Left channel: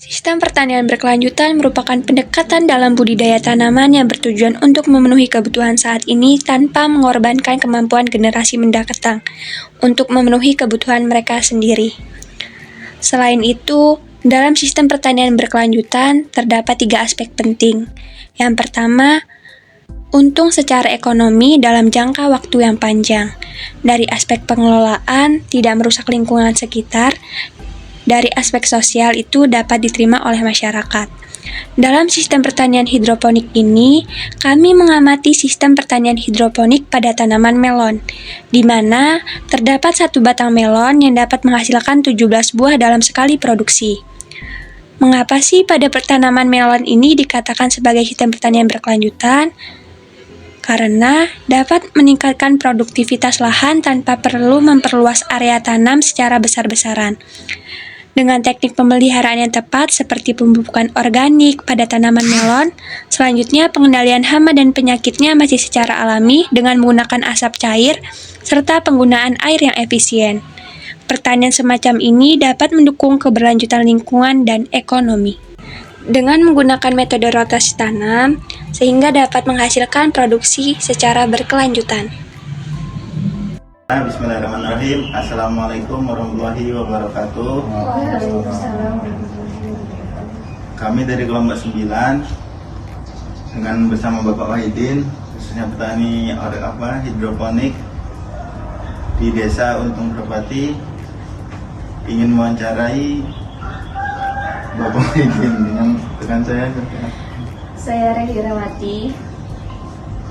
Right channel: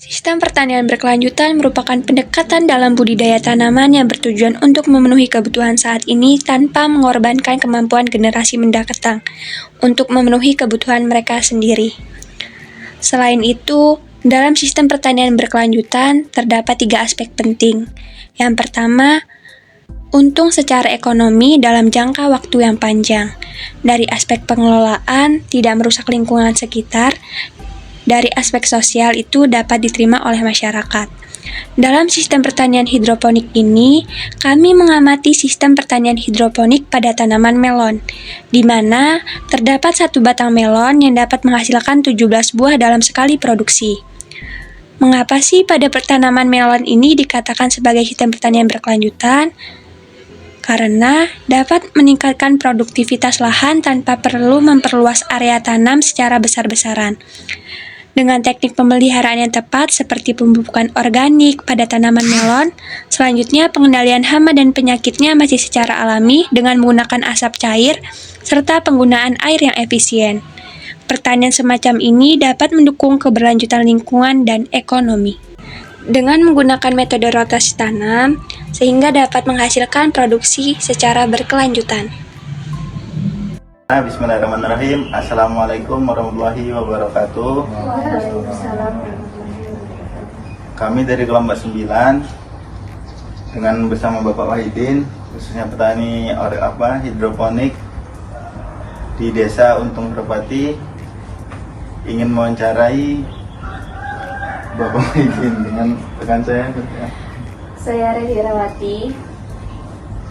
Sistem pertanian berkelanjutan merupakan pendekatan dalam budidaya tanaman yang bertujuan untuk memenuhi kebutuhan saat ini tanpa mengorbankan kemampuan generasi mendatang untuk memenuhi kebutuhan mereka sendiri. Selain itu, dalam sistem pertanian berkelanjutan terdapat 3 aspek penting. Yang pertama, untung secara ekonomi dalam jangka waktu yang panjang. Dari aspek pengelolaan, tidak merusak lingkungan sekitar. Dari aspek sosial itu dapat diterima oleh masyarakat. Dalam sistem pertanian hidroponik ini, kami mengamati sistem pertanian hidroponik pada tanaman melon, di mana terdapat 1 batang melon yang dapat menghasilkan 17 buah dalam sekali produksi. Mengapa sih pada tanaman melon ini dikatakan sebagai sistem pertanian berkelanjutan? Karena dapat meningkatkan produktivitas lahan tanpa perlu memperluas area tanam secara besar-besaran. Dengan teknik pemeliharaan yang tepat seperti pemupukan organik pada tanaman melon, selanjutnya pengendalian hama dan penyakitnya masih secara alami dengan menggunakan asap cair serta penggunaan air yang efisien. Pertanian semacam ini dapat mendukung keberlanjutan lingkungan dan ekonomi. Dengan menggunakan metode rotasi tanam, sehingga dapat menghasilkan produksi secara berkelanjutan. Bismillahirrahmanirrahim. Assalamualaikum warahmatullahi wabarakatuh. Kami dari kelompok 9 dengan bersama Bapak Wahidin, khususnya petani hidroponik di Desa Untung Repati, ingin mewawancarai Bapak Wahidin dengan rekan saya. Saya Rehi Rawati.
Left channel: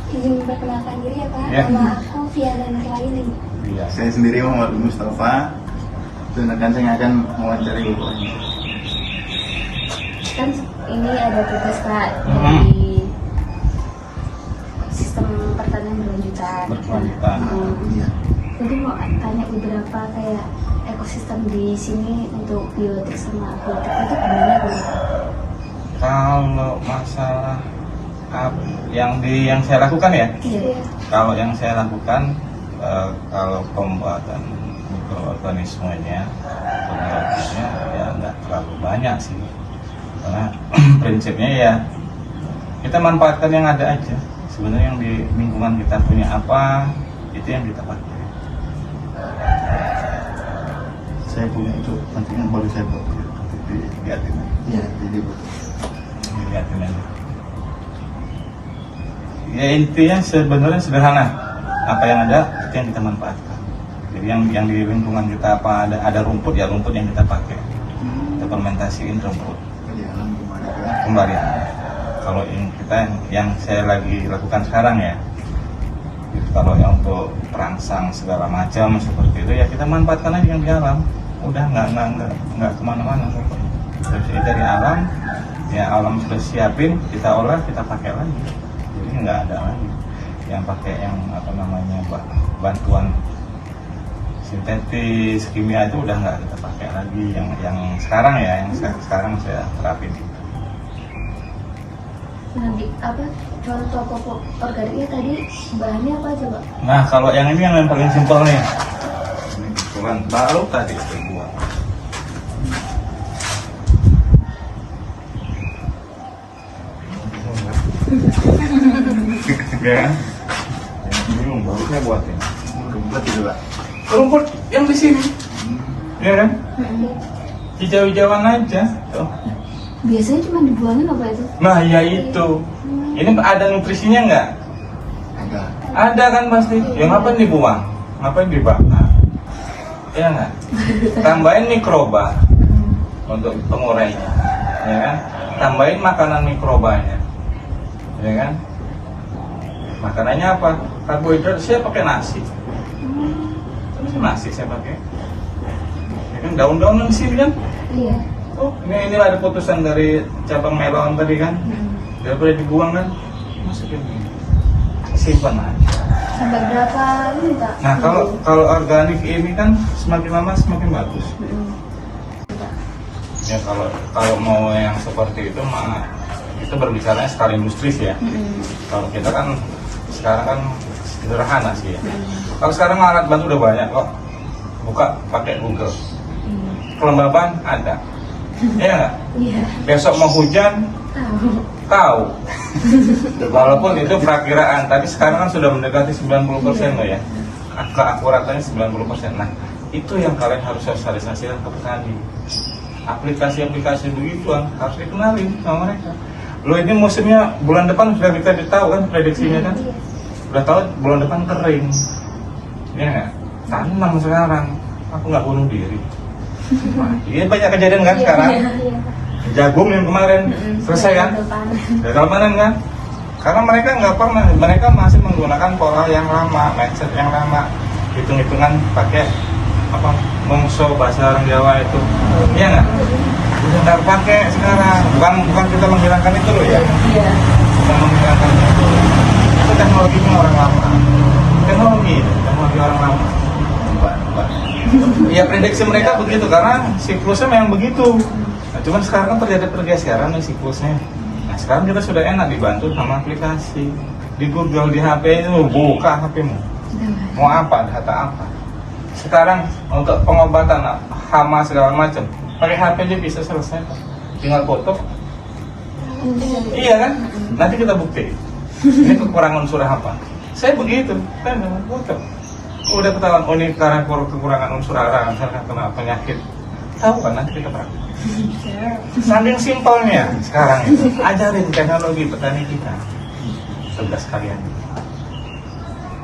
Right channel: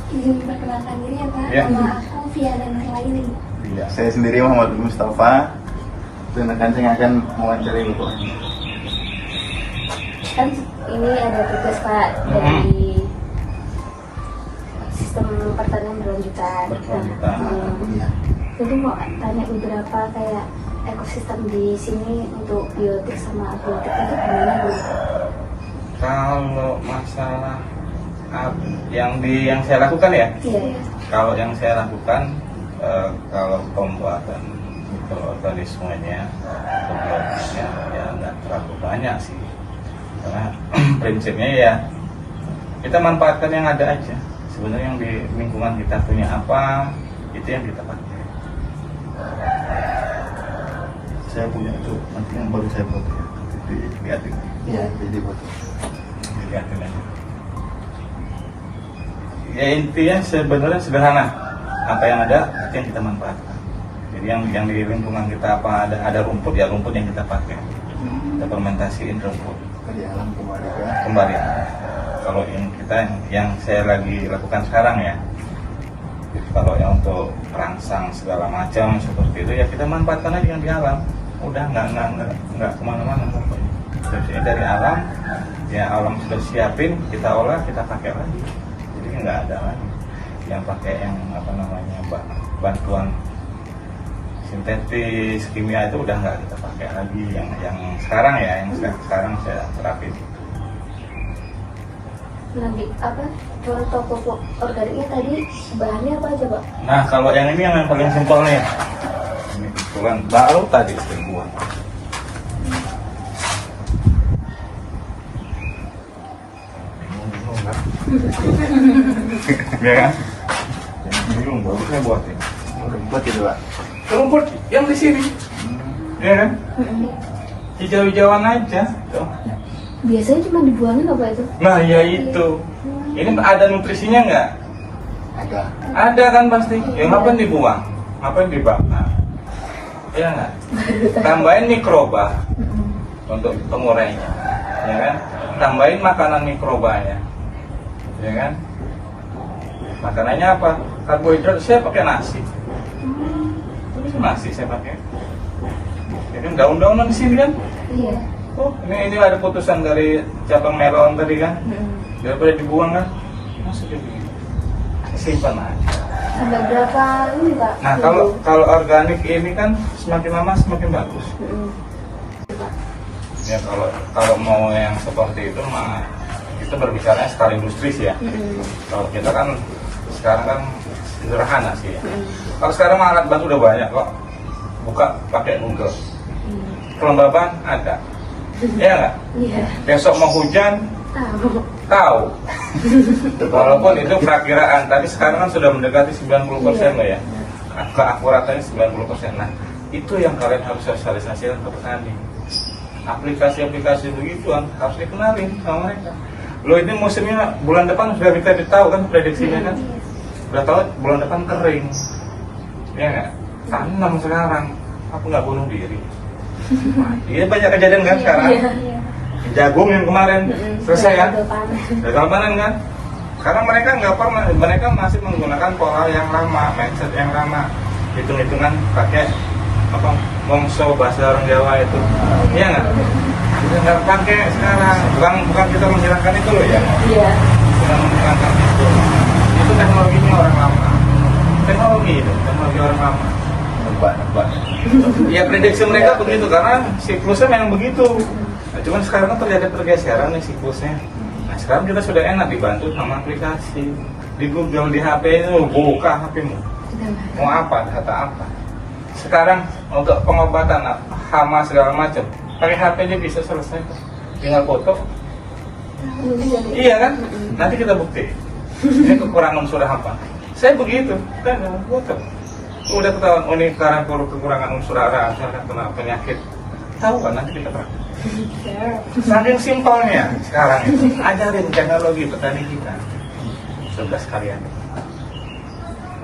Izin perkenalkan diri ya Pak, nama aku Fiana Nahlaini. Ya, saya sendiri Muhammad Mustafa dan rekan saya akan mewawancarai Bapak Wahidin. Kan ini ada tugas Pak dari sistem pertanian berkelanjutan. Jadi mau tanya beberapa kayak ekosistem di sini untuk biotik sama abiotik itu gimana Bu? Kalau masalah yang saya lakukan ya, Iya. kalau yang saya lakukan kalau pembuatan mikroorganismenya atau biologisnya ya nggak terlalu banyak sih, karena prinsipnya ya kita manfaatkan yang ada aja. Sebenarnya yang di lingkungan kita punya apa, itu yang kita pakai. Saya punya itu nanti yang baru saya buat dilihatin. Iya, dibuat. Dilihatin aja. Ya intinya sebenarnya sederhana, apa yang ada itu yang kita manfaatkan. Jadi yang di lingkungan kita apa ada rumput ya rumput yang kita pakai, kita fermentasiin rumput Di alam kembali. Kalau yang saya lagi lakukan sekarang ya, kalau yang untuk perangsang segala macam seperti itu ya kita manfaatkan aja yang di alam, udah nggak kemana-mana. Jadi dari alam ya alam sudah siapin, kita olah, kita pakai lagi. Jadi nggak ada lagi yang pakai yang bantuan sintetis kimia itu udah nggak kita pakai lagi yang sekarang ya sekarang saya terapin. Nanti contoh pupuk organiknya tadi bahannya apa aja Pak? Nah kalau yang ini yang paling simpel nih, ini kebetulan baru tadi buat. Ya kan? Ini baru saya buatin. rumput itu Pak. Rumput yang di sini, ya kan? Hijau-hijauan aja. Tuh. Biasanya cuma dibuangin apa itu? Nah ya itu, ini ada nutrisinya nggak? Ada. Ada kan pasti. Ya ngapain dibuang? Ngapain dibakar? Ya nggak? Tambahin mikroba untuk pengurainya, ya kan? Tambahin makanan mikrobanya, ya kan? Makanannya apa? Karbohidrat. Saya pakai nasi. Ini nasi saya pakai. Ya kan daun-daunan di sini kan? Iya. Oh, ini ada putusan dari cabang melon tadi kan? Daripada dibuang kan? Masukin ini. Simpan aja. Sampai berapa ini Pak? Nah, kalau organik ini kan semakin lama semakin bagus. Ya kalau mau yang seperti itu mah itu berbicara skala industri sih ya. Kalau kita kan sekarang kan sederhana sih ya. Kalau sekarang alat bantu udah banyak kok. Buka pakai Google. Kelembaban ada. Iya nggak? Iya. Besok mau hujan, Tahu. tahu. Walaupun itu perakiraan, tapi sekarang kan sudah mendekati 90% loh ya. Keakuratannya 90%. Nah, itu yang kalian harus sosialisasikan ke petani. Aplikasi-aplikasi begituan harus dikenalin sama mereka. Lo ini musimnya bulan depan sudah kita tahu kan prediksinya kan? Udah tahu bulan depan kering. Iya nggak? Tanam sekarang, aku nggak bunuh diri. Wah, iya banyak kejadian kan sekarang. Iya, iya. Jagung yang kemarin selesai kan? Gagal panen. Gagal panen kan? Karena mereka nggak pernah, mereka masih menggunakan pola yang lama, mindset yang lama, hitung-hitungan pakai apa mongso bahasa orang Jawa itu, iya nggak? Udah nggak pakai sekarang, bukan kita menghilangkan itu loh ya, Iya. bukan menghilangkan itu teknologinya orang lama, teknologi orang lama. Mbak. Ya prediksi mereka begitu karena siklusnya memang begitu. Nah, cuman sekarang kan terjadi pergeseran nih siklusnya. Nah, sekarang kita sudah enak dibantu sama aplikasi di Google, di HP itu buka HP-mu. Mau apa, data apa. Sekarang untuk pengobatan hama segala macam, pakai HP aja bisa selesai. Tinggal foto. Iya kan? Nanti kita bukti. Ini kekurangan unsur apa? Saya begitu, kan dengan foto. Udah ketahuan, oh ini sekarang kekurangan unsur hara, misalkan kena penyakit. Tahu kan nanti kita praktek. Saking simpelnya sekarang itu. Ajarin teknologi petani kita. 11 kalian.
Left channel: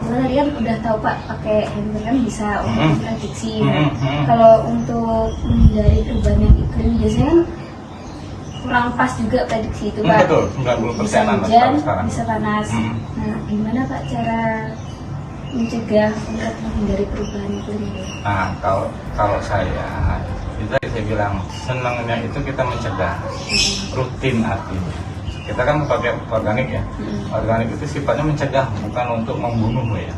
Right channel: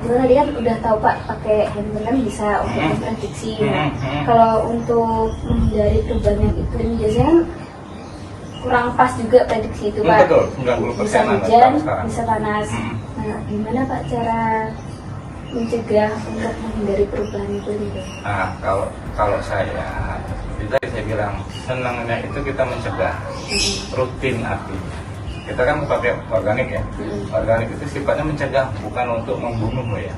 Karena tadi kan udah tahu Pak pakai handphone kan bisa untuk prediksi. Nah, kalau untuk menghindari perubahan iklim biasanya kan kurang pas juga prediksi itu Pak. Betul, 90% Bisa hujan, sekarang. bisa panas. Nah, gimana Pak cara mencegah untuk menghindari perubahan iklim itu? Nah, kalau saya, itu saya bilang senangnya itu kita mencegah, rutin artinya. Kita kan pakai organik ya, organik itu sifatnya mencegah, bukan untuk membunuh loh ya.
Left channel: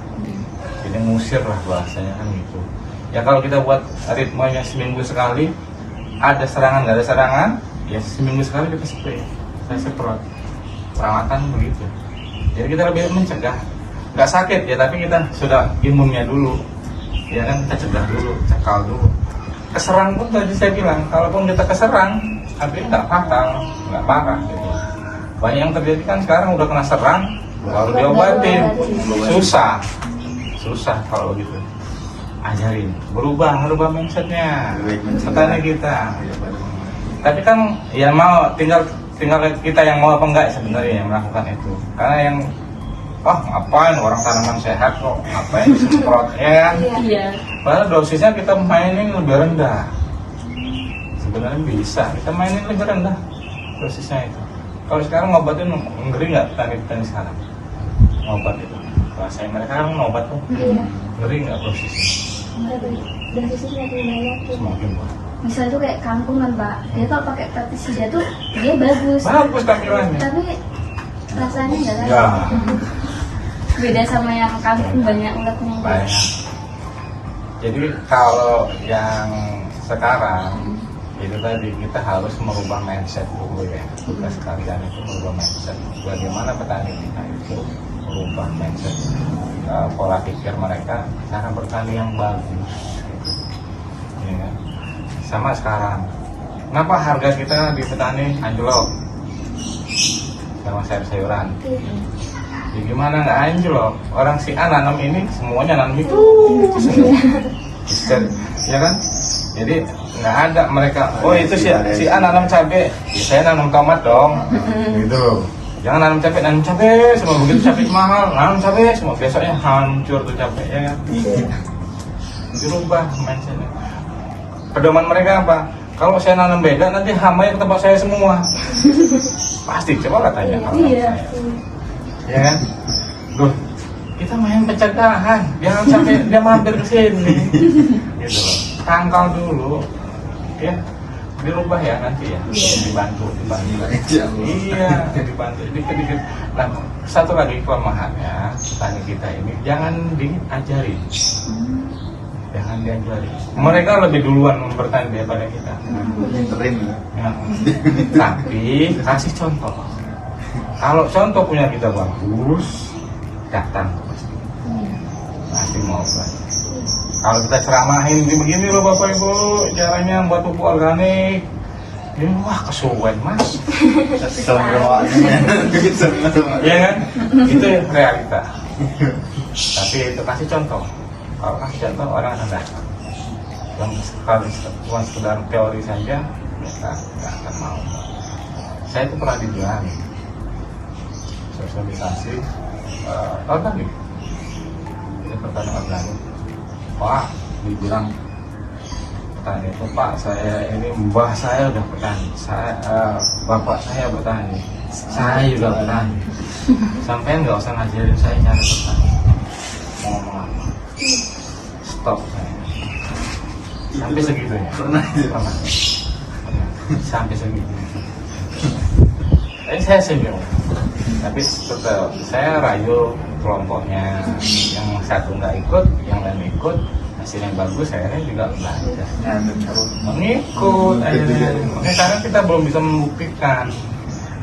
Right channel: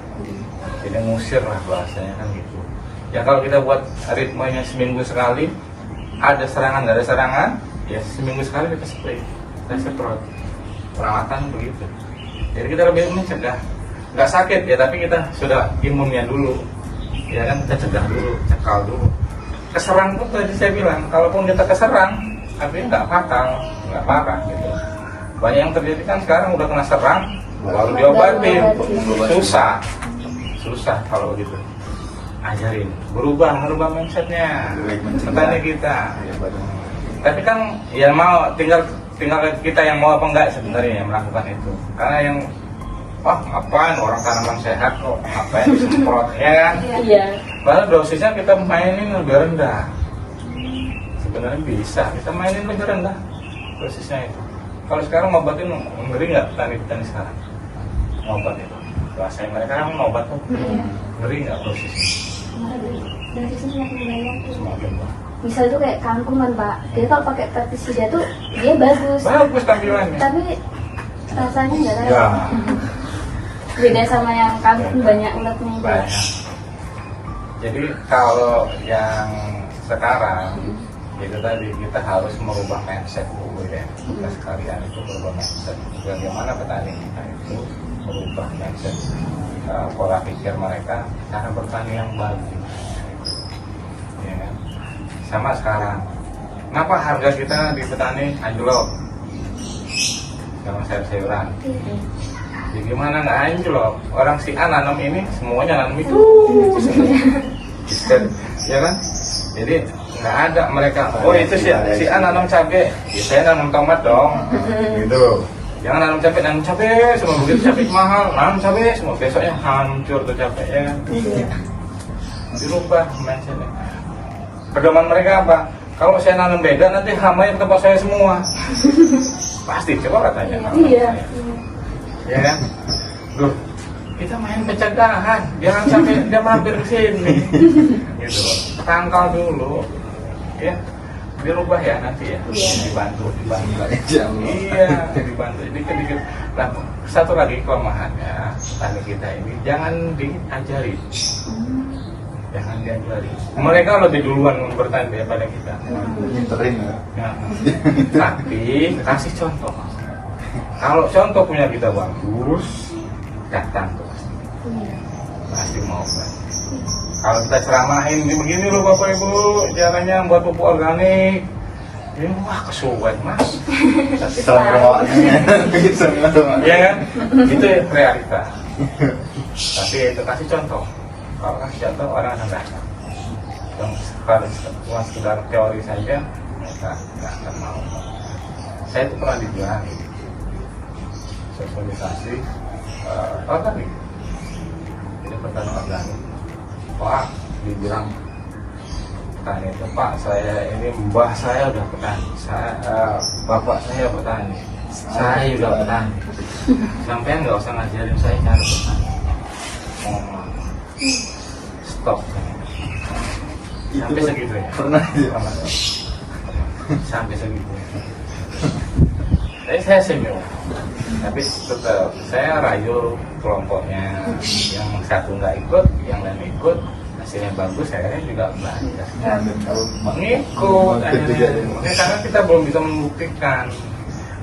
Kita ngusir lah bahasanya kan gitu. Ya kalau kita buat ritmenya seminggu sekali, ada serangan nggak ada serangan, ya seminggu sekali kita spray, kita semprot. Perawatan begitu. Jadi kita lebih mencegah. Nggak sakit ya, tapi kita sudah imunnya dulu, ya kan kita cegah dulu, cekal dulu. Keserang pun tadi saya bilang, kalaupun kita keserang, tapi nggak fatal, nggak parah gitu. Banyak yang terjadi kan sekarang udah kena serang, baru diobatin, susah kalau gitu. Ajarin, berubah mindsetnya, petani kita. Tapi kan ya mau tinggal kita yang mau apa enggak sebenarnya yang melakukan itu. Karena yang ngapain orang tanaman sehat kok, ngapain semprot ya kan? Iya. Padahal dosisnya kita mainin lebih rendah. Sebenarnya bisa kita mainin lebih rendah dosisnya itu. Kalau sekarang ngobatin ngeri nggak petani sekarang? Ngobat itu. Rasanya mereka kan ngobat tuh. Ngeri nggak dosisnya? Dosisnya semakin banyak tuh. Semakin banyak. Misal tuh kayak kangkung kan Pak, dia kalau pakai pestisida tuh dia bagus. Bagus tampilannya. Tapi rasanya nggak ada. Ya. Beda sama yang kangkung banyak ulatnya. Banyak. Jadi kalau yang sekarang itu tadi kita harus merubah mindset dulu ya. Kita sekalian itu merubah mindset. Bagaimana petani kita itu merubah mindset pola pikir mereka cara bertani yang bagus. Ya kan? Sama sekarang. Kenapa harga kita di petani anjlok? Sama sayur-sayuran. Ya gimana nggak anjlok? Orang si A nanam ini semuanya nanam itu. Ya kan? Jadi nggak ada mereka. Oh itu si A nanam cabai, ya, saya nanam tomat dong. Gitu loh. Jangan nanam cabai semua begitu cabai mahal, nanam cabai semua besoknya hancur tuh cabai ya. Dirubah mindsetnya. Pedoman mereka apa? Kalau saya nanam beda nanti hama ke tempat saya semua. Pasti coba lah tanya. Iya. Ya kan? Duh, kita main pencegahan, jangan sampai dia mampir ke sini. Gitu loh. Tangkal dulu. Ya, dirubah ya nanti ya. Dibantu. Iya, dibantu. Dikit-dikit. Nah, satu lagi kelemahannya petani kita ini jangan diajari. Jangan diajari. Mereka lebih duluan bertani daripada kita. Nah, tapi kasih contoh. Kalau contoh punya kita bagus, datang tuh. Nanti mau kan. Kalau kita ceramahin begini loh Bapak Ibu, caranya buat pupuk organik. Ini wah kesuwen mas. Iya kan? Itu realita. Tapi itu kasih contoh. Kalau kasih contoh orang ada. Yang cuma sekedar teori saja, mereka nggak akan mau. Saya itu pernah dibilang sosialisasi organik. Ini pertama organik. Pak dibilang petani itu, Pak saya ini mbah saya udah petani, bapak saya petani, saya juga petani. Sampai nggak usah ngajarin saya cara petani. Stop saya. Sampai segitu ya. Pernah Sampai segitu. Tapi saya senyum. Tapi tetap saya rayu kelompoknya, yang satu nggak ikut, yang lain ikut. Hasilnya bagus, saya juga belajar mengikut karena kita belum bisa membuktikan.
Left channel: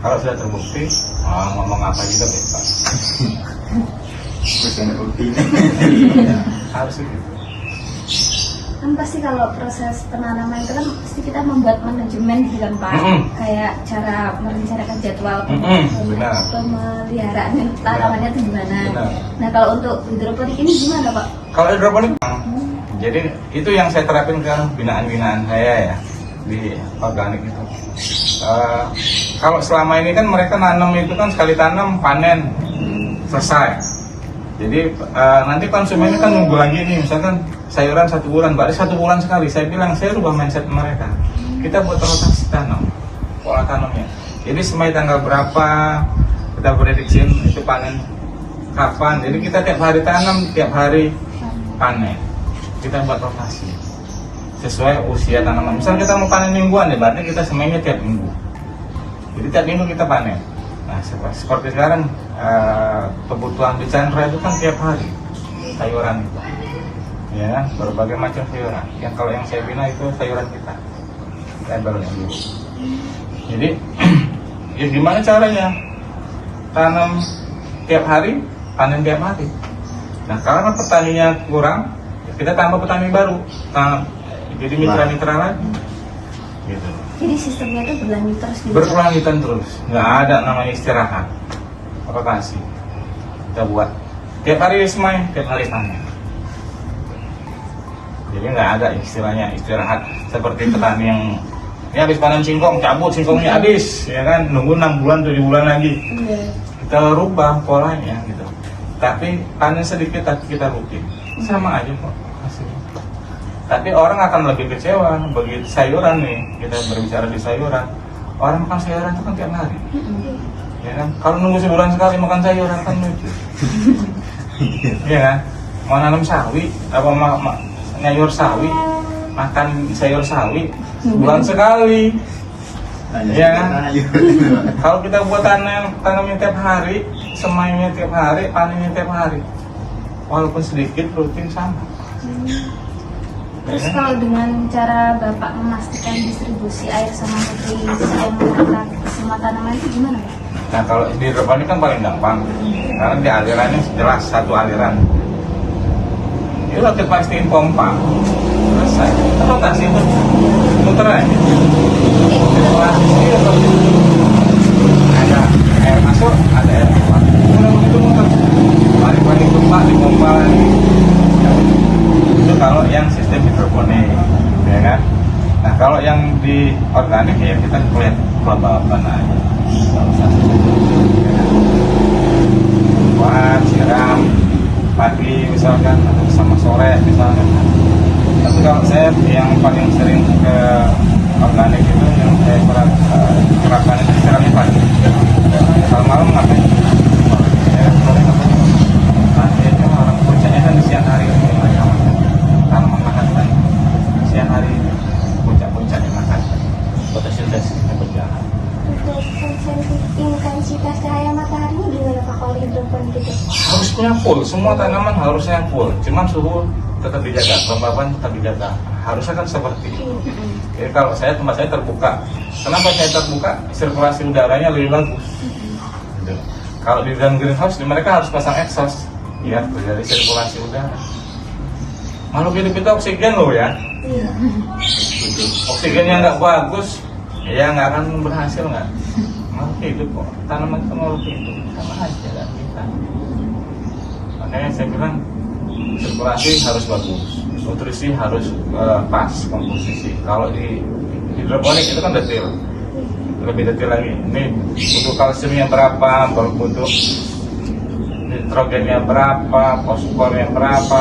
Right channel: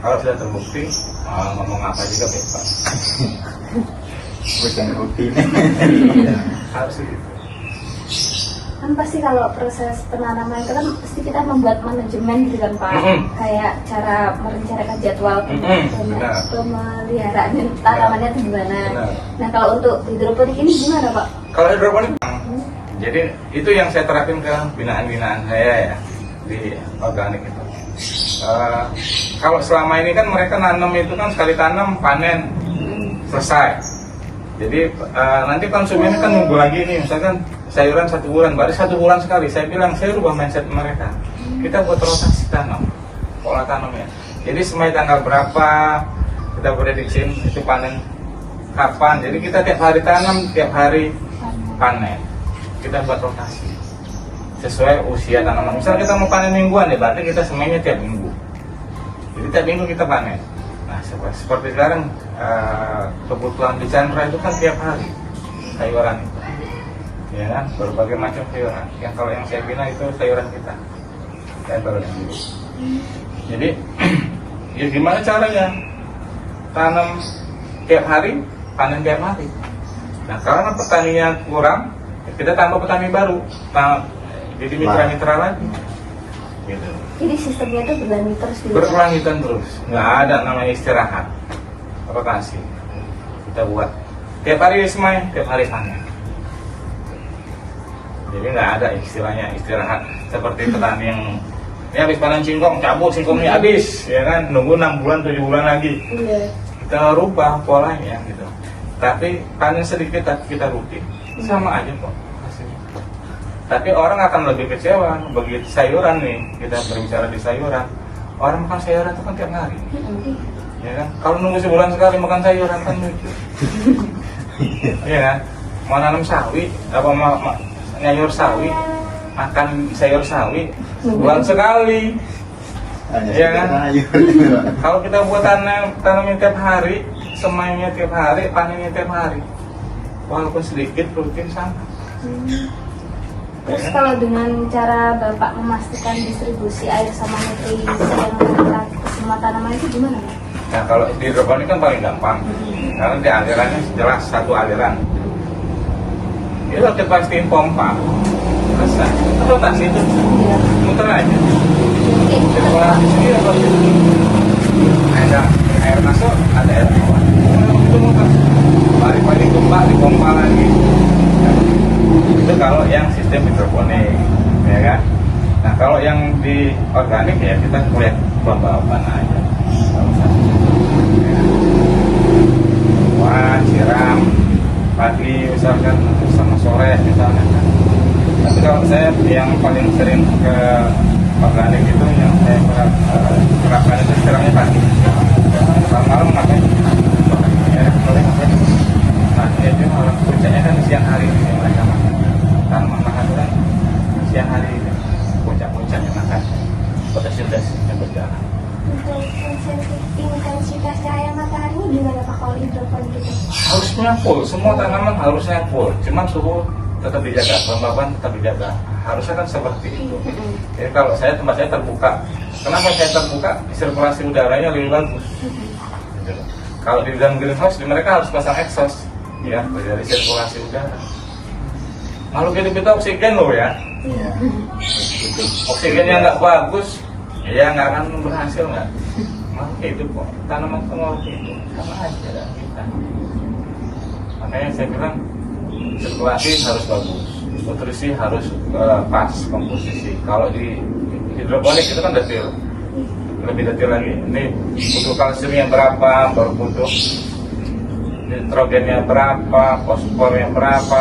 Kalau sudah terbukti, ngomong apa juga bebas. Bukan bukti Harus gitu. Kan pasti kalau proses penanaman itu kan pasti kita membuat manajemen gitu kan Pak. Kayak cara merencanakan jadwal pemeliharaannya tanamannya itu gimana. Nah kalau untuk hidroponik ini gimana Pak? Kalau hidroponik, jadi itu yang saya terapin ke binaan-binaan saya ya di organik itu. Kalau selama ini kan mereka nanam itu kan sekali tanam panen selesai. Jadi nanti konsumennya kan nunggu lagi nih, misalkan sayuran 1 bulan, berarti 1 bulan sekali. Saya bilang saya rubah mindset mereka. Kita buat rotasi tanam, pola tanamnya. Jadi semai tanggal berapa kita prediksiin itu panen kapan. Jadi kita tiap hari tanam, tiap hari panen. Kita buat rotasi sesuai usia tanaman. Misal kita mau panen mingguan ya, berarti kita semainya tiap minggu. Jadi tiap minggu kita panen. Nah seperti sekarang kebutuhan di Chandra itu kan tiap hari sayuran itu, ya kan, berbagai macam sayuran. Yang kalau yang saya bina itu sayuran kita, labelnya gitu. Jadi ya gimana caranya tanam tiap hari, panen tiap hari. Nah karena petaninya kurang, kita tambah petani baru, jadi mitra-mitra lagi gitu. Jadi sistemnya itu berlanjut terus gitu. Berkelanjutan terus, nggak ada namanya istirahat, rotasi. Kita buat tiap hari semai, tiap hari panen. Jadi nggak ada istilahnya istirahat seperti petani yang ya habis panen singkong, cabut singkongnya habis, ya kan, nunggu 6 bulan 7 bulan lagi. Iya. Kita rubah polanya gitu. Tapi panen sedikit kita rutin, sama aja kok hasilnya. Tapi orang akan lebih kecewa begitu sayuran nih, kita berbicara di sayuran. Orang makan sayuran itu kan tiap hari, ya kan. Kalau nunggu sebulan sekali makan sayuran kan lucu, ya kan. Mau nanam sawi, apa nyayur sawi, makan sayur sawi sebulan sekali, ya kan. Kalau kita buat tanamnya tiap hari, semainya tiap hari, panennya tiap hari, walaupun sedikit rutin sama. Terus kalau dengan cara Bapak memastikan distribusi air sama nutrisi yang merata ke semua tanaman itu gimana Pak? Nah kalau di hidroponik kan paling gampang, karena di alirannya jelas satu aliran. Itu kita pastiin pompa, selesai. Atau tak sih itu muter aja. Ada air masuk, ada air keluar. Itu muter. Balik-balik tumpah di pompa lagi. Itu kalau yang sistem hidroponik, ya kan. Nah kalau yang di organik ya kita lihat bahan aja. Buat siram pagi misalkan atau sama sore misalkan. Tapi kalau saya yang paling sering ke organik itu yang saya pernah terapkan itu siramnya pagi. Kalau malam ngapain? Sore. Ya, sore ngapain? Nah, biasanya orang kerjanya kan di siang hari tanaman makan kan siang hari itu puncak-puncaknya makan fotosintesisnya berjalan. Intensitas cahaya mataharinya gimana Pak kalau hidroponik itu? Harusnya full, semua tanaman harusnya full, cuman suhu tetap dijaga, kelembaban tetap dijaga. Harusnya kan seperti itu. Jadi kalau tempat saya terbuka, kenapa saya terbuka? Sirkulasi udaranya lebih bagus. Gitu. Kalau di dalam greenhouse, mereka harus pasang exhaust, ya, terjadi sirkulasi udara. Makhluk hidup itu oksigen loh ya. Oksigennya nggak bagus, ya nggak akan berhasil nggak. Makhluk hidup kok, tanaman itu makhluk hidup, sama aja ya, kita. Makanya saya bilang sirkulasi harus bagus, nutrisi harus pas komposisi. Kalau di hidroponik itu kan detail, lebih detail lagi. Ini butuh kalsiumnya berapa, butuh nitrogennya berapa, fosfornya berapa,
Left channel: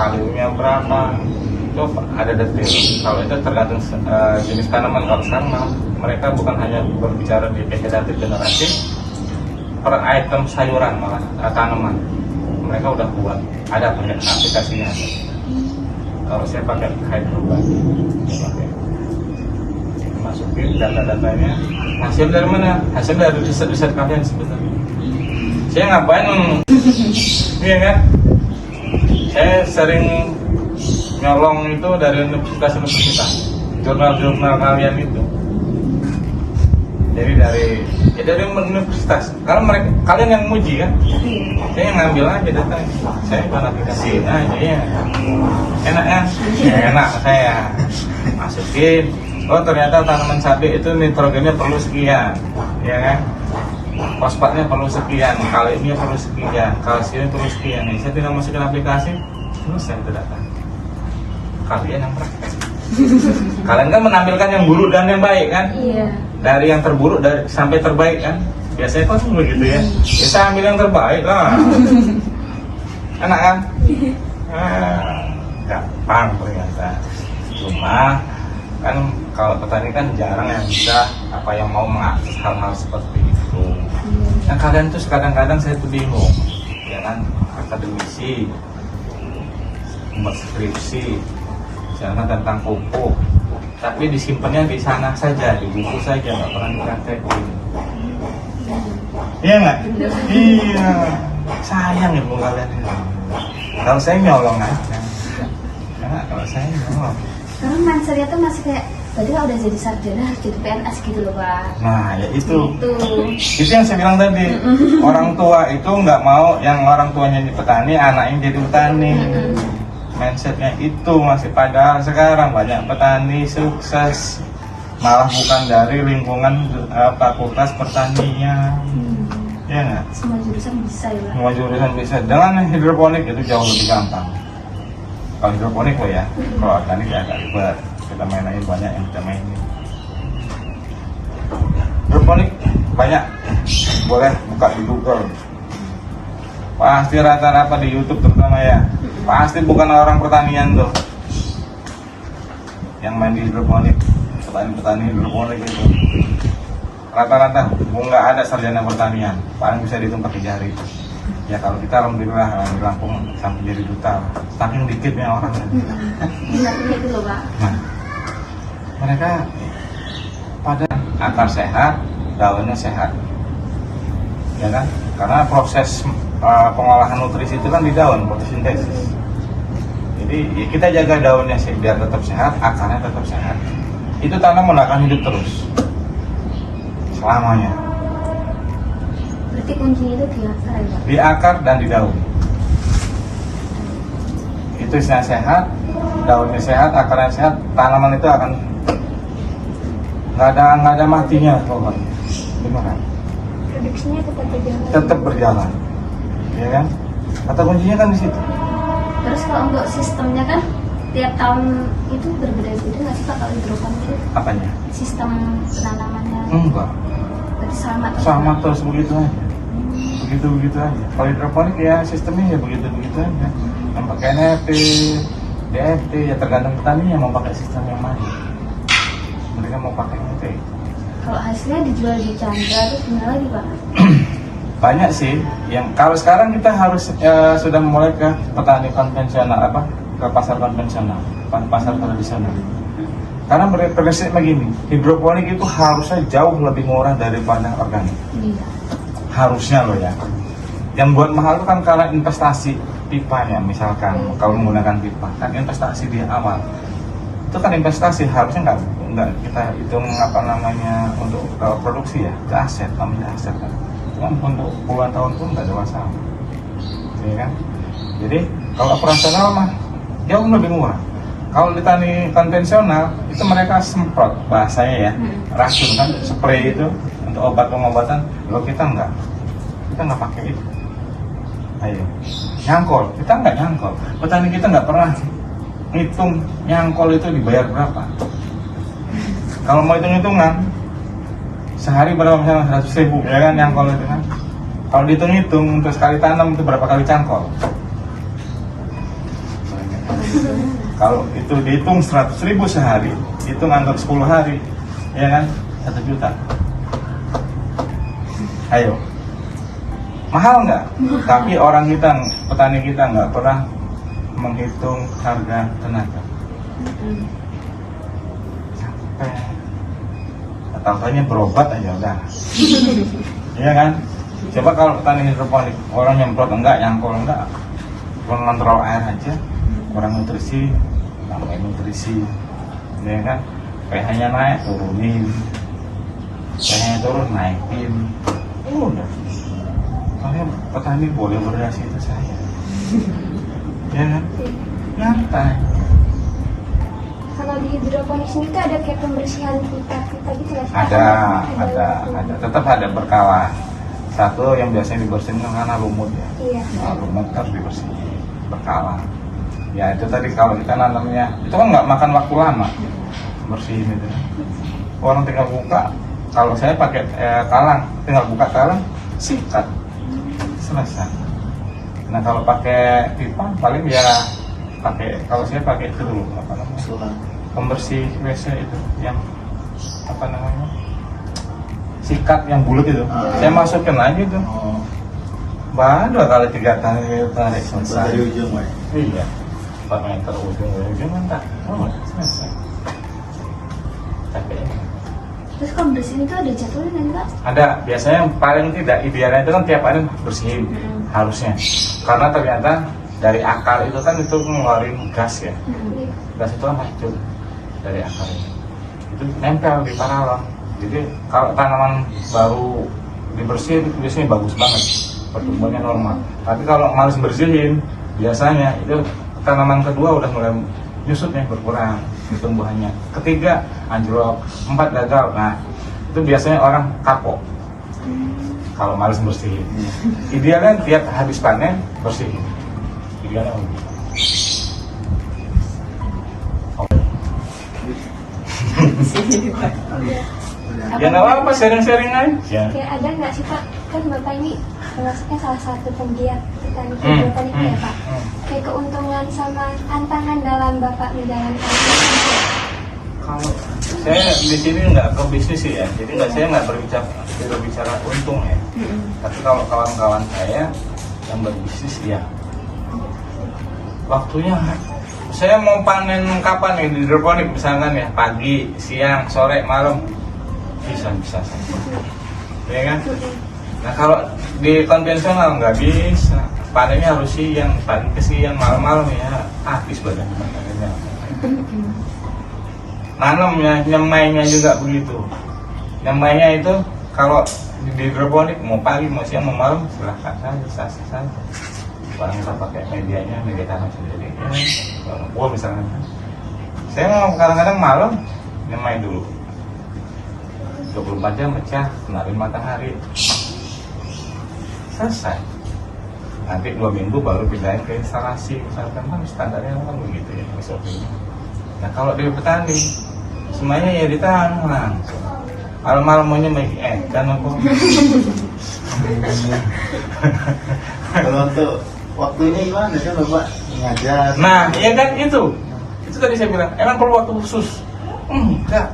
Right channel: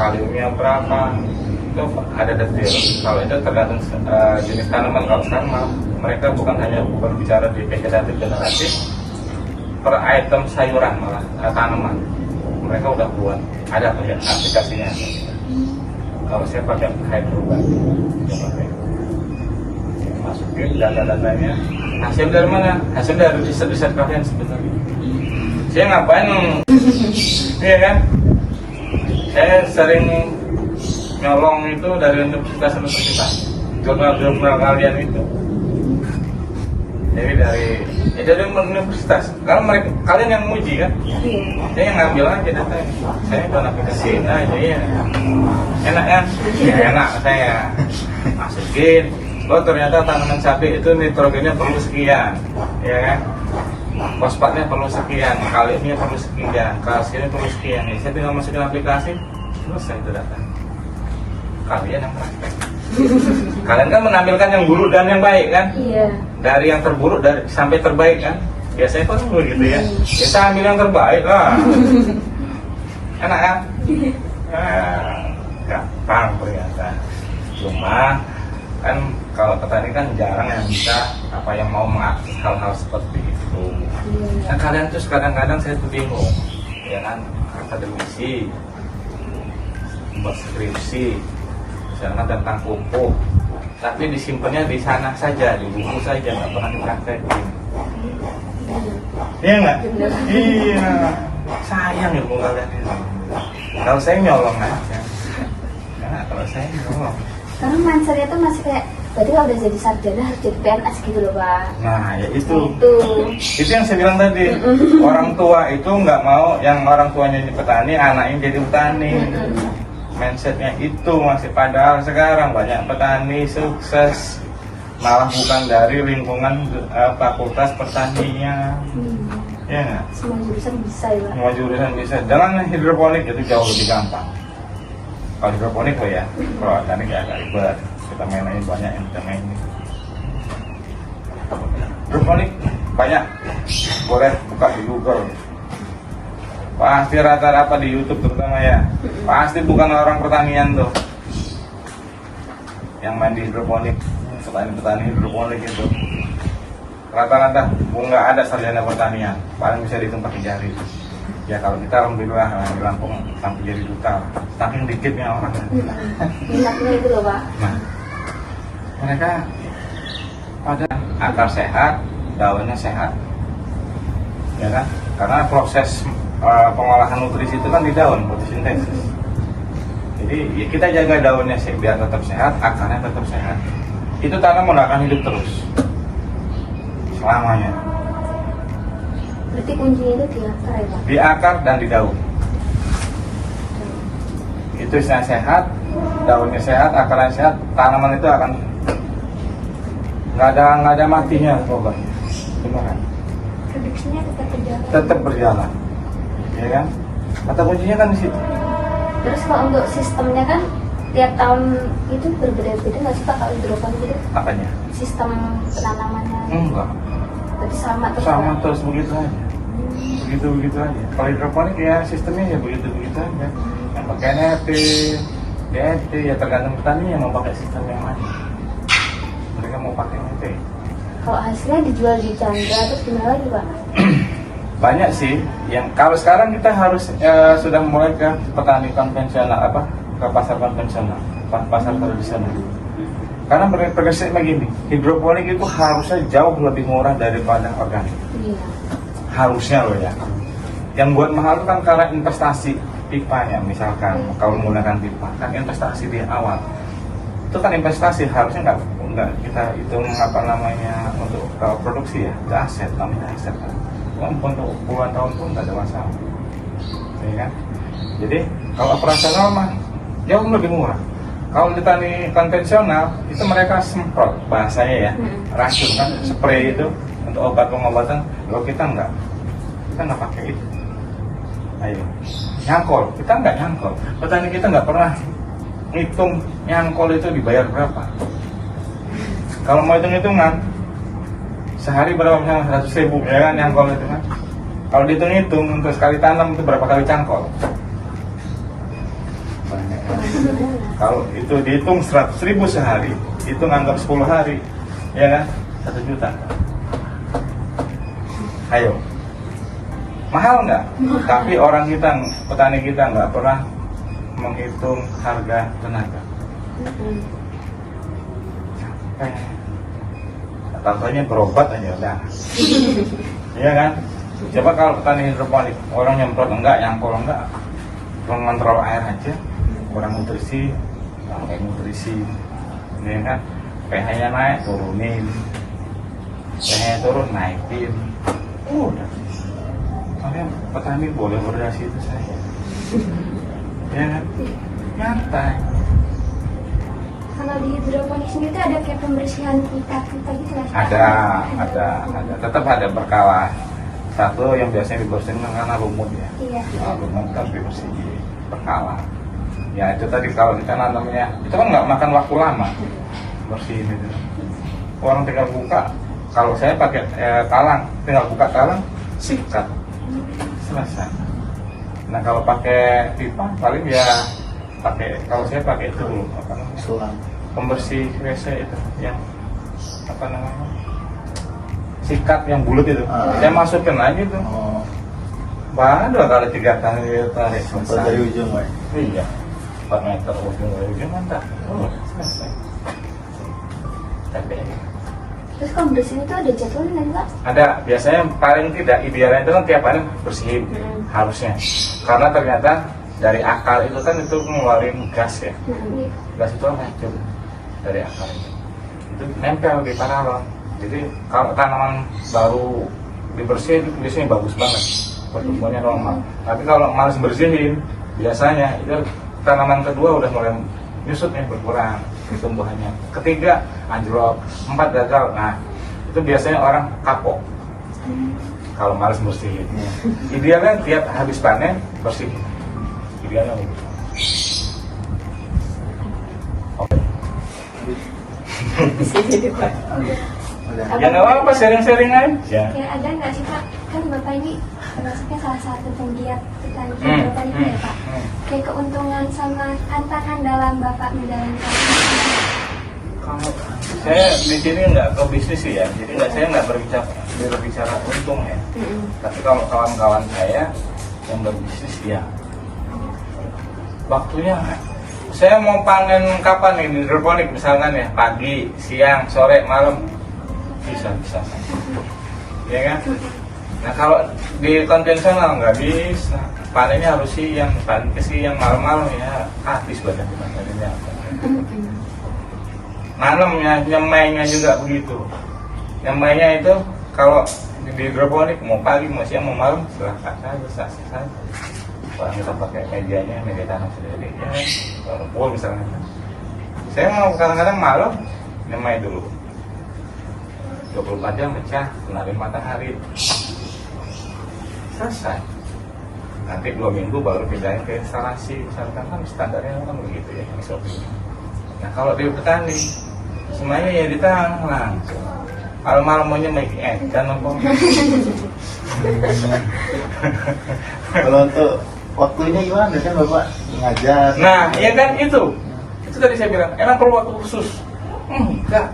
kaliumnya berapa, itu ada detail. Kalau itu tergantung jenis tanaman. Kalau sama mereka bukan hanya berbicara di vegetatif generatif, per item sayuran malah tanaman mereka udah buat ada aplikasinya. Kalau saya pakai hydroban, masukin data-datanya, hasil dari mana? Hasil dari riset-riset kalian sebenarnya. Saya ngapain? Iya kan? Saya sering nyolong itu dari universitas, jurnal-jurnal kalian itu. Jadi dari universitas. Kalau mereka kalian yang muji kan? Saya yang ngambil aja datanya. Saya bukan aplikasi aja ya. Enak kan? Ya enak saya masukin. Oh ternyata tanaman cabai itu nitrogennya perlu sekian, ya kan? Fosfatnya perlu sekian, kaliumnya perlu sekian, kalsiumnya perlu sekian. Saya tinggal masukin aplikasi, selesai itu datanya. Kalian yang praktek. Kalian kan menampilkan yang buruk dan yang baik kan? Iya. Dari yang terburuk sampai terbaik kan? Biasanya kan begitu ya. Ya saya ambil yang terbaik lah. Enak kan? Gampang ternyata. Cuma kan kalau petani kan jarang yang bisa yang mau mengakses hal-hal seperti itu. Nah kalian tuh kadang-kadang saya tuh bingung, ya kan, akademisi, buat skripsi, misalnya tentang pupuk, tapi disimpannya di sana saja, di buku saja, nggak pernah dipraktekin. Iya nggak? Iya, sayang ilmu kalian itu. Kalau saya nyolong aja, nah, kalau saya nyolong. Karena mindsetnya tuh masih kayak, berarti kalau udah jadi sarjana harus jadi PNS gitu loh Pak. Nah ya itu yang saya bilang tadi. Orang tua itu nggak mau yang orang tuanya jadi petani, anaknya jadi petani. Mindsetnya itu masih, padahal sekarang banyak petani sukses malah bukan dari lingkungan fakultas pertanian. Ya nggak? Semua jurusan bisa ya Pak. Semua jurusan bisa. Dengan hidroponik itu jauh lebih gampang. Kalau hidroponik ya, kalau organik ya agak ribet. Kita mainin banyak yang kita mainin. Hidroponik banyak, boleh buka di Google. Pasti rata-rata di YouTube terutama ya. Pasti bukan orang pertanian tuh yang main di hidroponik, petani-petani hidroponik itu. Rata-rata nggak ada sarjana pertanian, paling bisa dihitung pakai jari. Ya kalau kita alhamdulillah di Lampung sampai jadi duta, saking dikitnya orang. Minatnya itu loh Pak. Nah, mereka pada akar sehat, daunnya sehat, ya kan? Karena proses pengolahan nutrisi itu kan di daun, fotosintesis. Jadi ya kita jaga daunnya sih biar tetap sehat, akarnya tetap sehat. Itu tanaman akan hidup terus selamanya. Berarti kuncinya itu di akar ya Pak? Di akar dan di daun. Itu sehat, daunnya sehat, akarnya sehat, tanaman itu akan nggak ada matinya pokoknya. Beneran. Produksinya tetap berjalan. Tetap berjalan, ya kan? Kata kuncinya kan di situ. Terus kalau untuk sistemnya kan tiap tahun itu berbeda-beda nggak sih Pak kalau hidroponik itu? Apanya? Sistem penanamannya Enggak. berarti sama terus Sama Pak? terus begitu aja. Begitu aja. Kalau hidroponik ya sistemnya ya begitu aja. Yang pakai NPK, DFT ya tergantung petani yang mau pakai sistem yang mana. Mereka mau pakai NPK. Kalau hasilnya dijual di Chandra terus gimana lagi Pak? Banyak sih. Yang kalau sekarang kita harus sudah mulai ke petani konvensional ke pasar konvensional, pasar tradisional. Karena prinsip begini, hidroponik itu harusnya jauh lebih murah daripada organik. Iya. Harusnya loh ya. Yang buat mahal itu kan karena investasi pipa ya, misalkan kalau menggunakan pipa kan investasi di awal. Itu kan investasi, harusnya nggak kita hitung untuk produksi ya, itu aset, namanya aset kan. Dan untuk puluhan tahun pun nggak ada masalah, ya kan. Jadi kalau operasional mah jauh lebih murah. Kalau di petani konvensional itu mereka semprot bahasanya ya, racun kan, spray itu untuk obat pengobatan. Kalau kita nggak pakai itu. Ayo, nyangkol, kita nggak nyangkol. Petani kita nggak pernah hitung nyangkol itu dibayar berapa. Kalau mau hitung-hitungan, sehari berapa misalnya 100.000 ya kan nyangkol itu kan. Kalau dihitung-hitung untuk sekali tanam itu berapa kali cangkol? Kalau itu dihitung 100.000 sehari, itu ngantor 10 hari, ya kan 1 juta. Ayo, mahal nggak? Tapi orang kita, petani kita nggak pernah menghitung harga tenaga. Contohnya berobat aja udah, iya kan? Coba kalau petani hidroponik, orang nyemprot enggak, nyangkul enggak, mengontrol air aja, kurang nutrisi, tambah nutrisi, ya kan? pH-nya naik, turunin, pH-nya turun, naikin, udah. Makanya petani boleh berdasi itu saja, ya kan? Nyantai. Kalau di hidroponik sini tuh ada kayak pembersihan pipa-pipa gitu ya? Ada, tetap ada berkala. Satu yang biasanya dibersihin karena lumut ya. Iya. Nah, lumut kan dibersihin berkala. Ya itu tadi kalau ikan nanamnya itu kan nggak makan waktu lama bersihin itu. Orang tinggal buka. Kalau saya pakai talang, tinggal buka talang, sikat, selesai. Nah kalau pakai pipa paling ya kalau saya pakai itu dulu apa namanya? Pembersih WC itu yang apa namanya? Sikat yang bulat itu. Saya masukin lagi tuh. Baru kali 3 kali tarik selesai. Dari ujung, Pak. Iya. 4 meter ujung mantap. Selesai. Terus kalau bersihin itu ada jadwalnya kan Pak? Ada, biasanya yang paling tidak idealnya itu kan tiap hari bersihin harusnya. Karena ternyata dari akar itu kan itu mengeluarin gas ya. Gas itu racun dari akar itu nempel di paralon. Jadi kalau tanaman baru dibersihin itu biasanya bagus banget, pertumbuhannya normal. Tapi kalau malas bersihin, biasanya itu tanaman kedua udah mulai nyusut nih, berkurang pertumbuhannya. Ketiga anjlok, 4 gagal. Nah itu biasanya orang kapok kalau malas bersihin. Idealnya tiap habis panen bersihin. Idealnya begitu. Oke. Ya nggak apa-apa, sharing-sharing aja. Kayak ada nggak sih Pak? Kan Bapak ini termasuknya salah satu penggiat petani hidroponik ya Pak. Kayak keuntungan sama tantangan dalam Bapak menjalankan ini. Kalau saya di sini nggak ke bisnis sih ya, jadi saya nggak berbicara untung ya. Tapi kalau kawan-kawan saya yang berbisnis ya, waktunya saya mau panen kapan nih di hidroponik misalkan ya, pagi, siang, sore, malam, bisa saja, ya kan? Nah kalau di konvensional nggak bisa, panennya harus siang, paling ke siang, malam-malam ya habis badan panennya. Nanamnya, nyemainya juga begitu. Nyemainya itu kalau di hidroponik mau pagi, mau siang, mau malam silahkan saja, sah-sah saja. Kalau kita pakai medianya, media tanam sendiri, ya, kalau buah misalnya. Saya mau kadang-kadang malam nyemai dulu. 24 jam pecah, kenalin matahari. Selesai. Nanti 2 minggu baru pindahin ke instalasi, misalkan kan standarnya kan begitu ya, SOP. Nah kalau di petani semuanya ya ditahan langsung. Malam-malam mau nyemai dan apa? Kalau untuk waktunya gimana sih Bapak ngajar? Nah, ya kan itu tadi saya bilang, emang perlu waktu khusus? Enggak,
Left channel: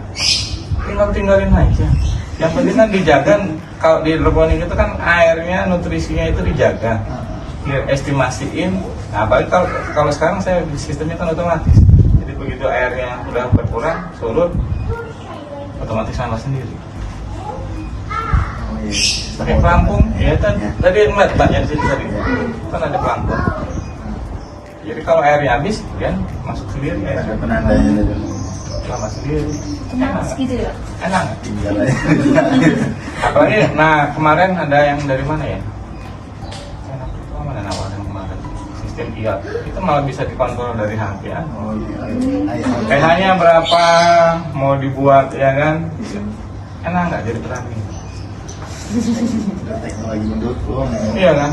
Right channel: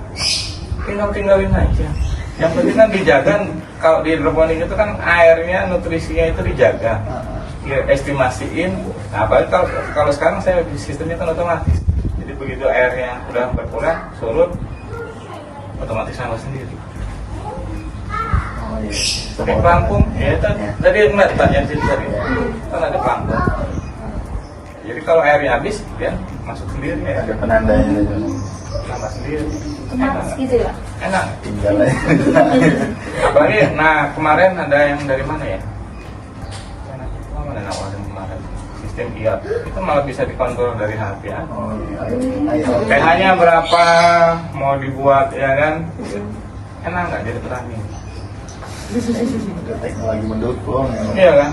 tinggalin aja. Yang penting kan dijaga. Kalau di hidroponik itu kan airnya, nutrisinya itu dijaga, estimasiin. Nah, balik kalau sekarang saya sistemnya kan otomatis. Jadi begitu airnya udah berkurang, surut, otomatis sama sendiri. Pakai pelampung, ya tadi enggak yang situ tadi ya, kan ada pelampung. Jadi kalau airnya habis, kemudian masuk sendiri. Ada penandanya itu. Nambah sendiri. Otomatis gitu ya? Enak. Tinggal aja. Apalagi, nah kemarin ada yang dari mana ya? Enak. Mana nawarin kemarin? sistem IOT itu malah bisa dikontrol dari HP ya. Ayo. pH-nya berapa mau dibuat ya kan, enak nggak jadi petani? Teknologi mendukung. Iya kan,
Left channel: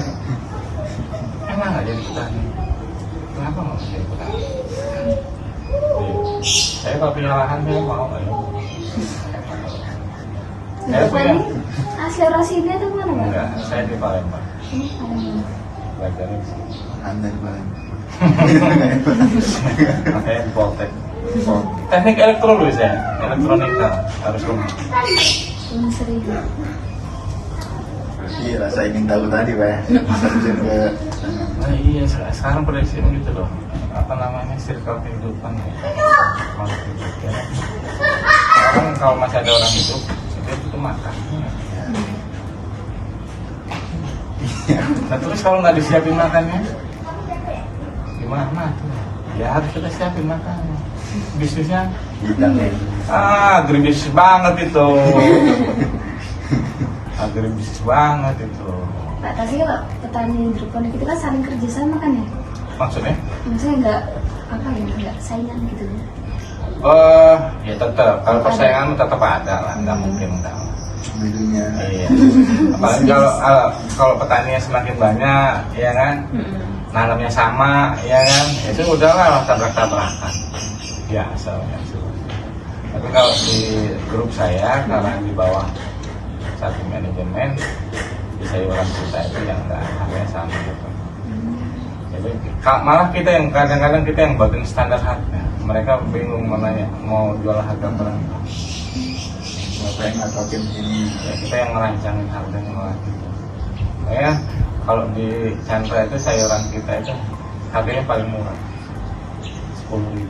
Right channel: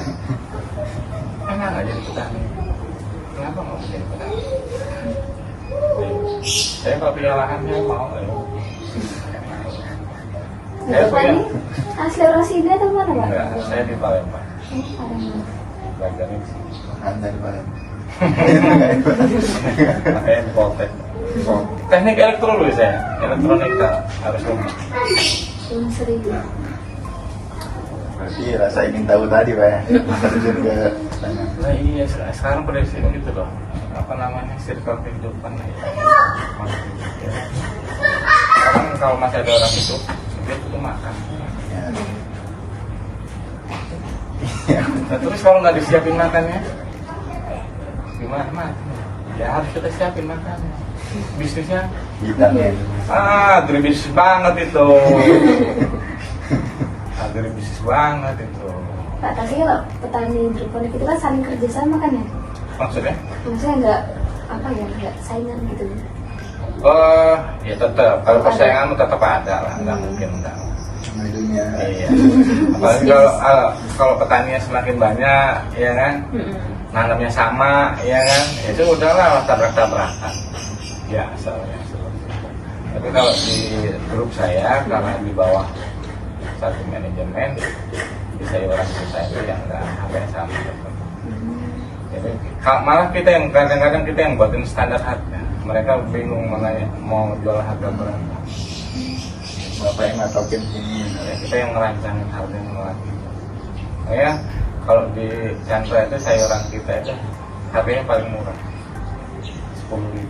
enak nggak jadi petani? Kenapa nggak bisa jadi petani? Saya kalau punya lahan saya mau ya. Saya Bapak punya, ini asli Rosida atau mana Pak? enggak, saya di Palembang. Ada. Belajarnya di sini. Anda di Palembang. Makanya di Poltek. Teknik elektro dulu saya, elektronika harus rumah. Belum sering. Berarti rasa ingin tahu tadi Pak ya. Terjun ke sana. Nah iya, sekarang prediksi begitu loh. Apa namanya, circle kehidupan gitu. Sekarang kalau masih ada orang hidup, dia butuh makan. Nah, terus kalau nggak disiapin makannya, gimana? Ya harus kita siapin makannya. Bisnisnya, Vitamin. agribisnis banget itu. Agribisnis banget itu. Pak, tapi kalau petani hidroponik itu kan saling kerjasama kan ya? Maksudnya? Maksudnya nggak apa ya, nggak saingan gitu. Ya tetap. Kalau persaingan tetap ada lah, nggak mungkin enggak. Di dunia. Iya. Apalagi kalau petaninya semakin banyak, ya kan, nanamnya sama, ya kan, itu udahlah tabrak-tabrakan. Ya, soalnya. Tapi kalau di grup saya, karena di bawah satu manajemen, di sayuran kita itu yang enggak yang sama. Jadi malah kita yang kadang-kadang kita yang buatin standar harga. Mereka bingung makanya mau jual harga berapa. Bapak yang ngatokin ini. Ya, kita yang merancangin harganya malah gitu. Ya, kalau di Chandra itu sayuran kita itu harganya paling murah, 10.000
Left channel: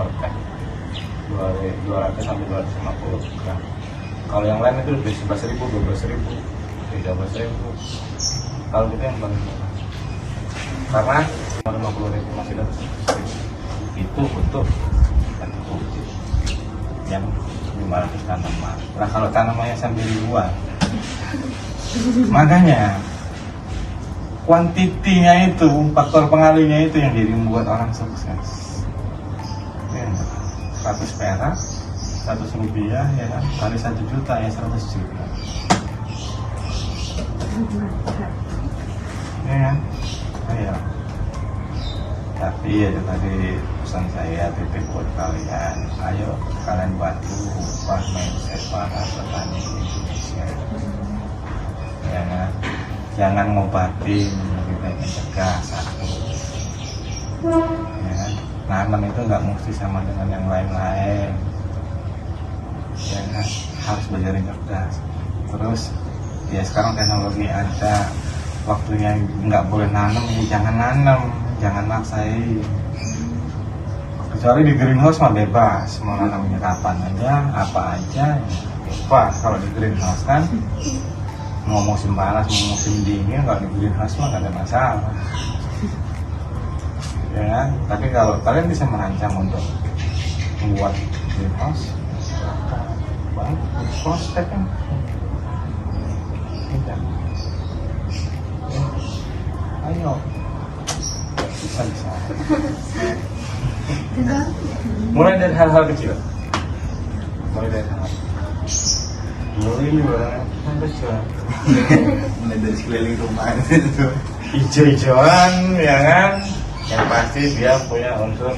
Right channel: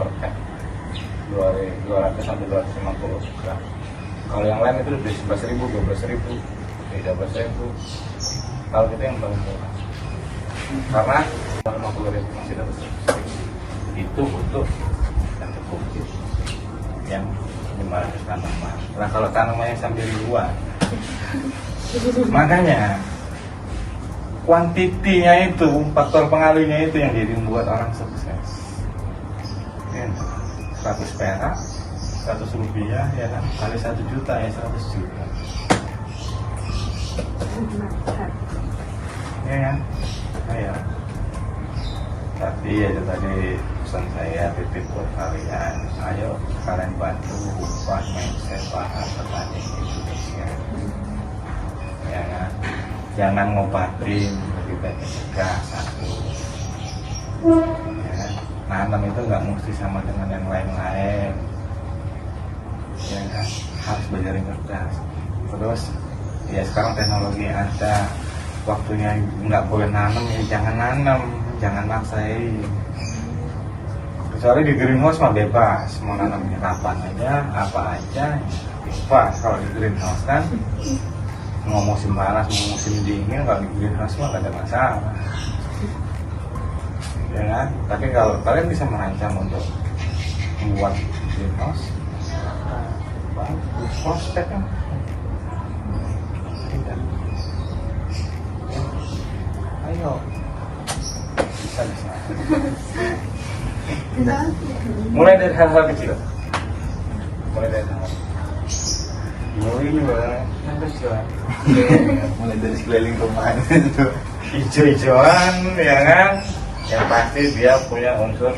per kan, 200 sampai 250 gram. Kalau yang lain itu lebih 11.000, 12.000, 13.000. Kalau kita yang paling murah, karena 50.000 masih dapat. Itu untuk kantor bukit yang 500 tanaman. Nah kalau tanamannya sampai duluan, makanya kuantitinya itu, faktor pengalinya itu yang jadi membuat orang sukses. Ya, 100 perak, 100 rupiah, ya kan, kali 1 juta ya 100 juta. Ya kan? Ya. Tapi ya itu tadi pesan saya, titik buat kalian, ayo kalian bantu ubah mindset para petani Indonesia. Ya kan? Jangan ngobatin, lebih baik mencegah satu. Ya kan? Nanam itu nggak mesti sama dengan yang lain-lain. Ya kan? Harus belajar cerdas. Terus ya sekarang teknologi ada, waktunya nggak boleh nanam, ya jangan nanam, jangan maksain. Kecuali di greenhouse mah bebas, mau nanamnya kapan aja, apa aja, pas. Kalau di greenhouse kan mau musim panas, mau musim dingin, kalau di greenhouse mah nggak ada masalah. Ya kan? Tapi kalau kalian bisa merancang untuk membuat greenhouse, silakan. Bagus, prospek kan. Ya. Ayo, bisa. Mulai dari hal-hal kecil. Mulai dari hal kecil. Mulai dari sekeliling perumahan itu. Hijau-hijauan, ya kan? Yang pasti dia punya unsur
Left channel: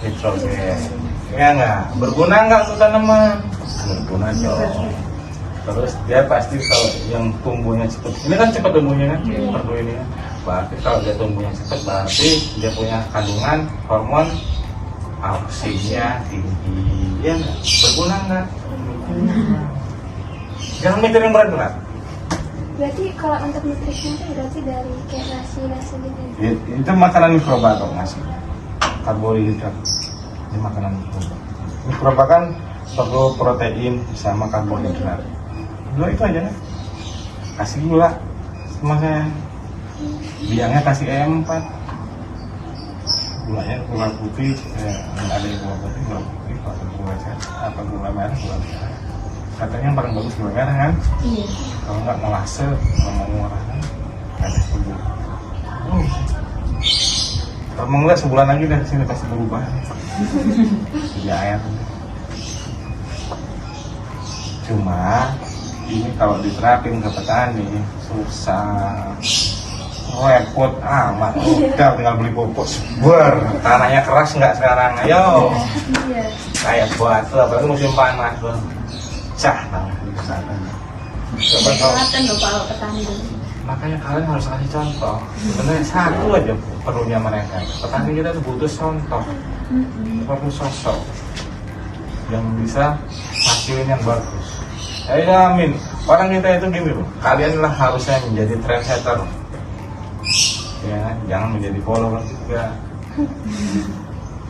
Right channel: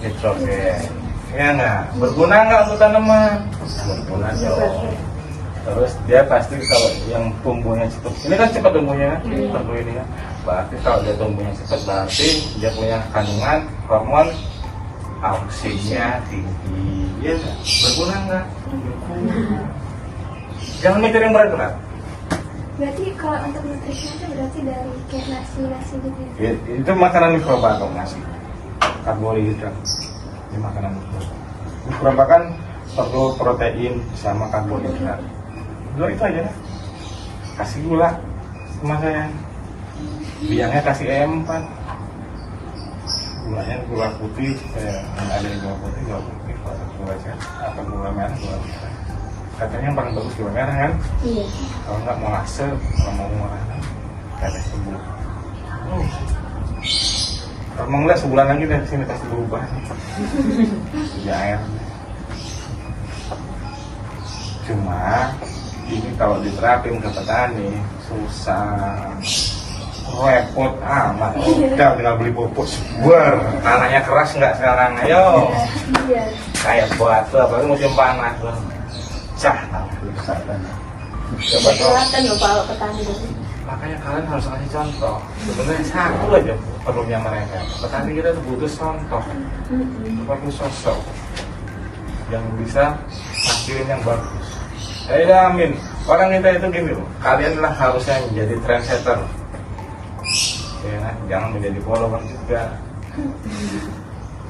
nitrogen. Ya nggak? Berguna nggak untuk tanaman? Berguna dong. Terus dia pasti kalau yang tumbuhnya cepat, ini kan cepat tumbuhnya kan? Perlu ini kan? Berarti kalau dia tumbuhnya cepat, berarti dia punya kandungan hormon auksinya tinggi. Ya, berguna nggak? Jangan mikirin berat-berat. Berarti kalau untuk nutrisi itu berarti dari kayak nasi gitu. Itu makanan mikroba kok mas. Karbohidrat. Ini makanan mikroba. Mikroba kan perlu protein sama karbohidrat. Dua itu aja. Kasih gula sama saya. Biangnya kasih E4. Gulanya gula putih, yang ada di gula putih, gula apa gula merah, gula merah. Katanya yang paling bagus gula merah kan? Iya. Kalau nggak molase, kalau mau ngurangin, nggak ada sembuh. Kamu ngeliat sebulan lagi dari sini pasti berubah. Ya. Cuma ini kalau diterapin ke petani susah, repot amat. Udah tinggal beli pupuk sebar. Tanahnya keras nggak sekarang? Ayo. Iya. Kayak batu, apalagi musim panas tuh. Cah, nah itu kesalahan. Coba tahu. Kelihatan loh kalau petani itu. Makanya kalian harus kasih contoh. Sebenarnya satu aja perlunya mereka. Petani kita tuh butuh contoh, butuh sosok yang bisa hasilnya bagus. Saya jamin orang kita itu gini loh. Kalian lah harusnya menjadi trendsetter. Ya kan? Jangan menjadi follower juga.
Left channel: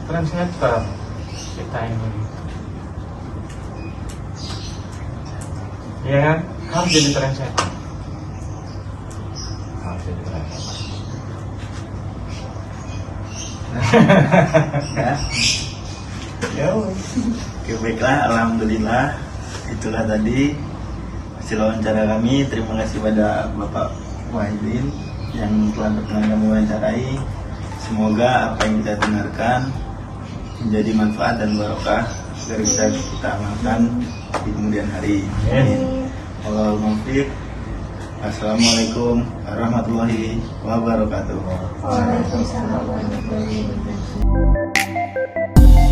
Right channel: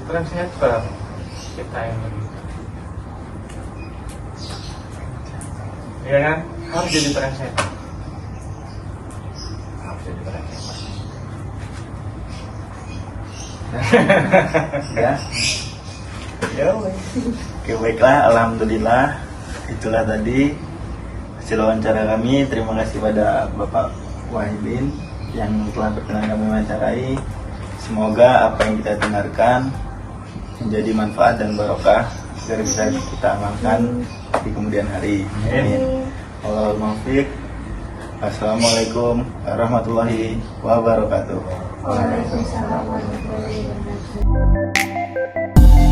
Trendsetter kita ini. Ya kan? Harus jadi trendsetter. Ya. Ya, Oke, baiklah, alhamdulillah itulah tadi hasil wawancara kami. Terima kasih pada Bapak Wahidin yang telah berkenan kami wawancarai. Semoga apa yang kita dengarkan menjadi manfaat dan barokah agar bisa kita amalkan di kemudian hari. Wallahul muwaffiq. Assalamualaikum warahmatullahi wabarakatuh. Waalaikumsalam warahmatullahi wabarakatuh.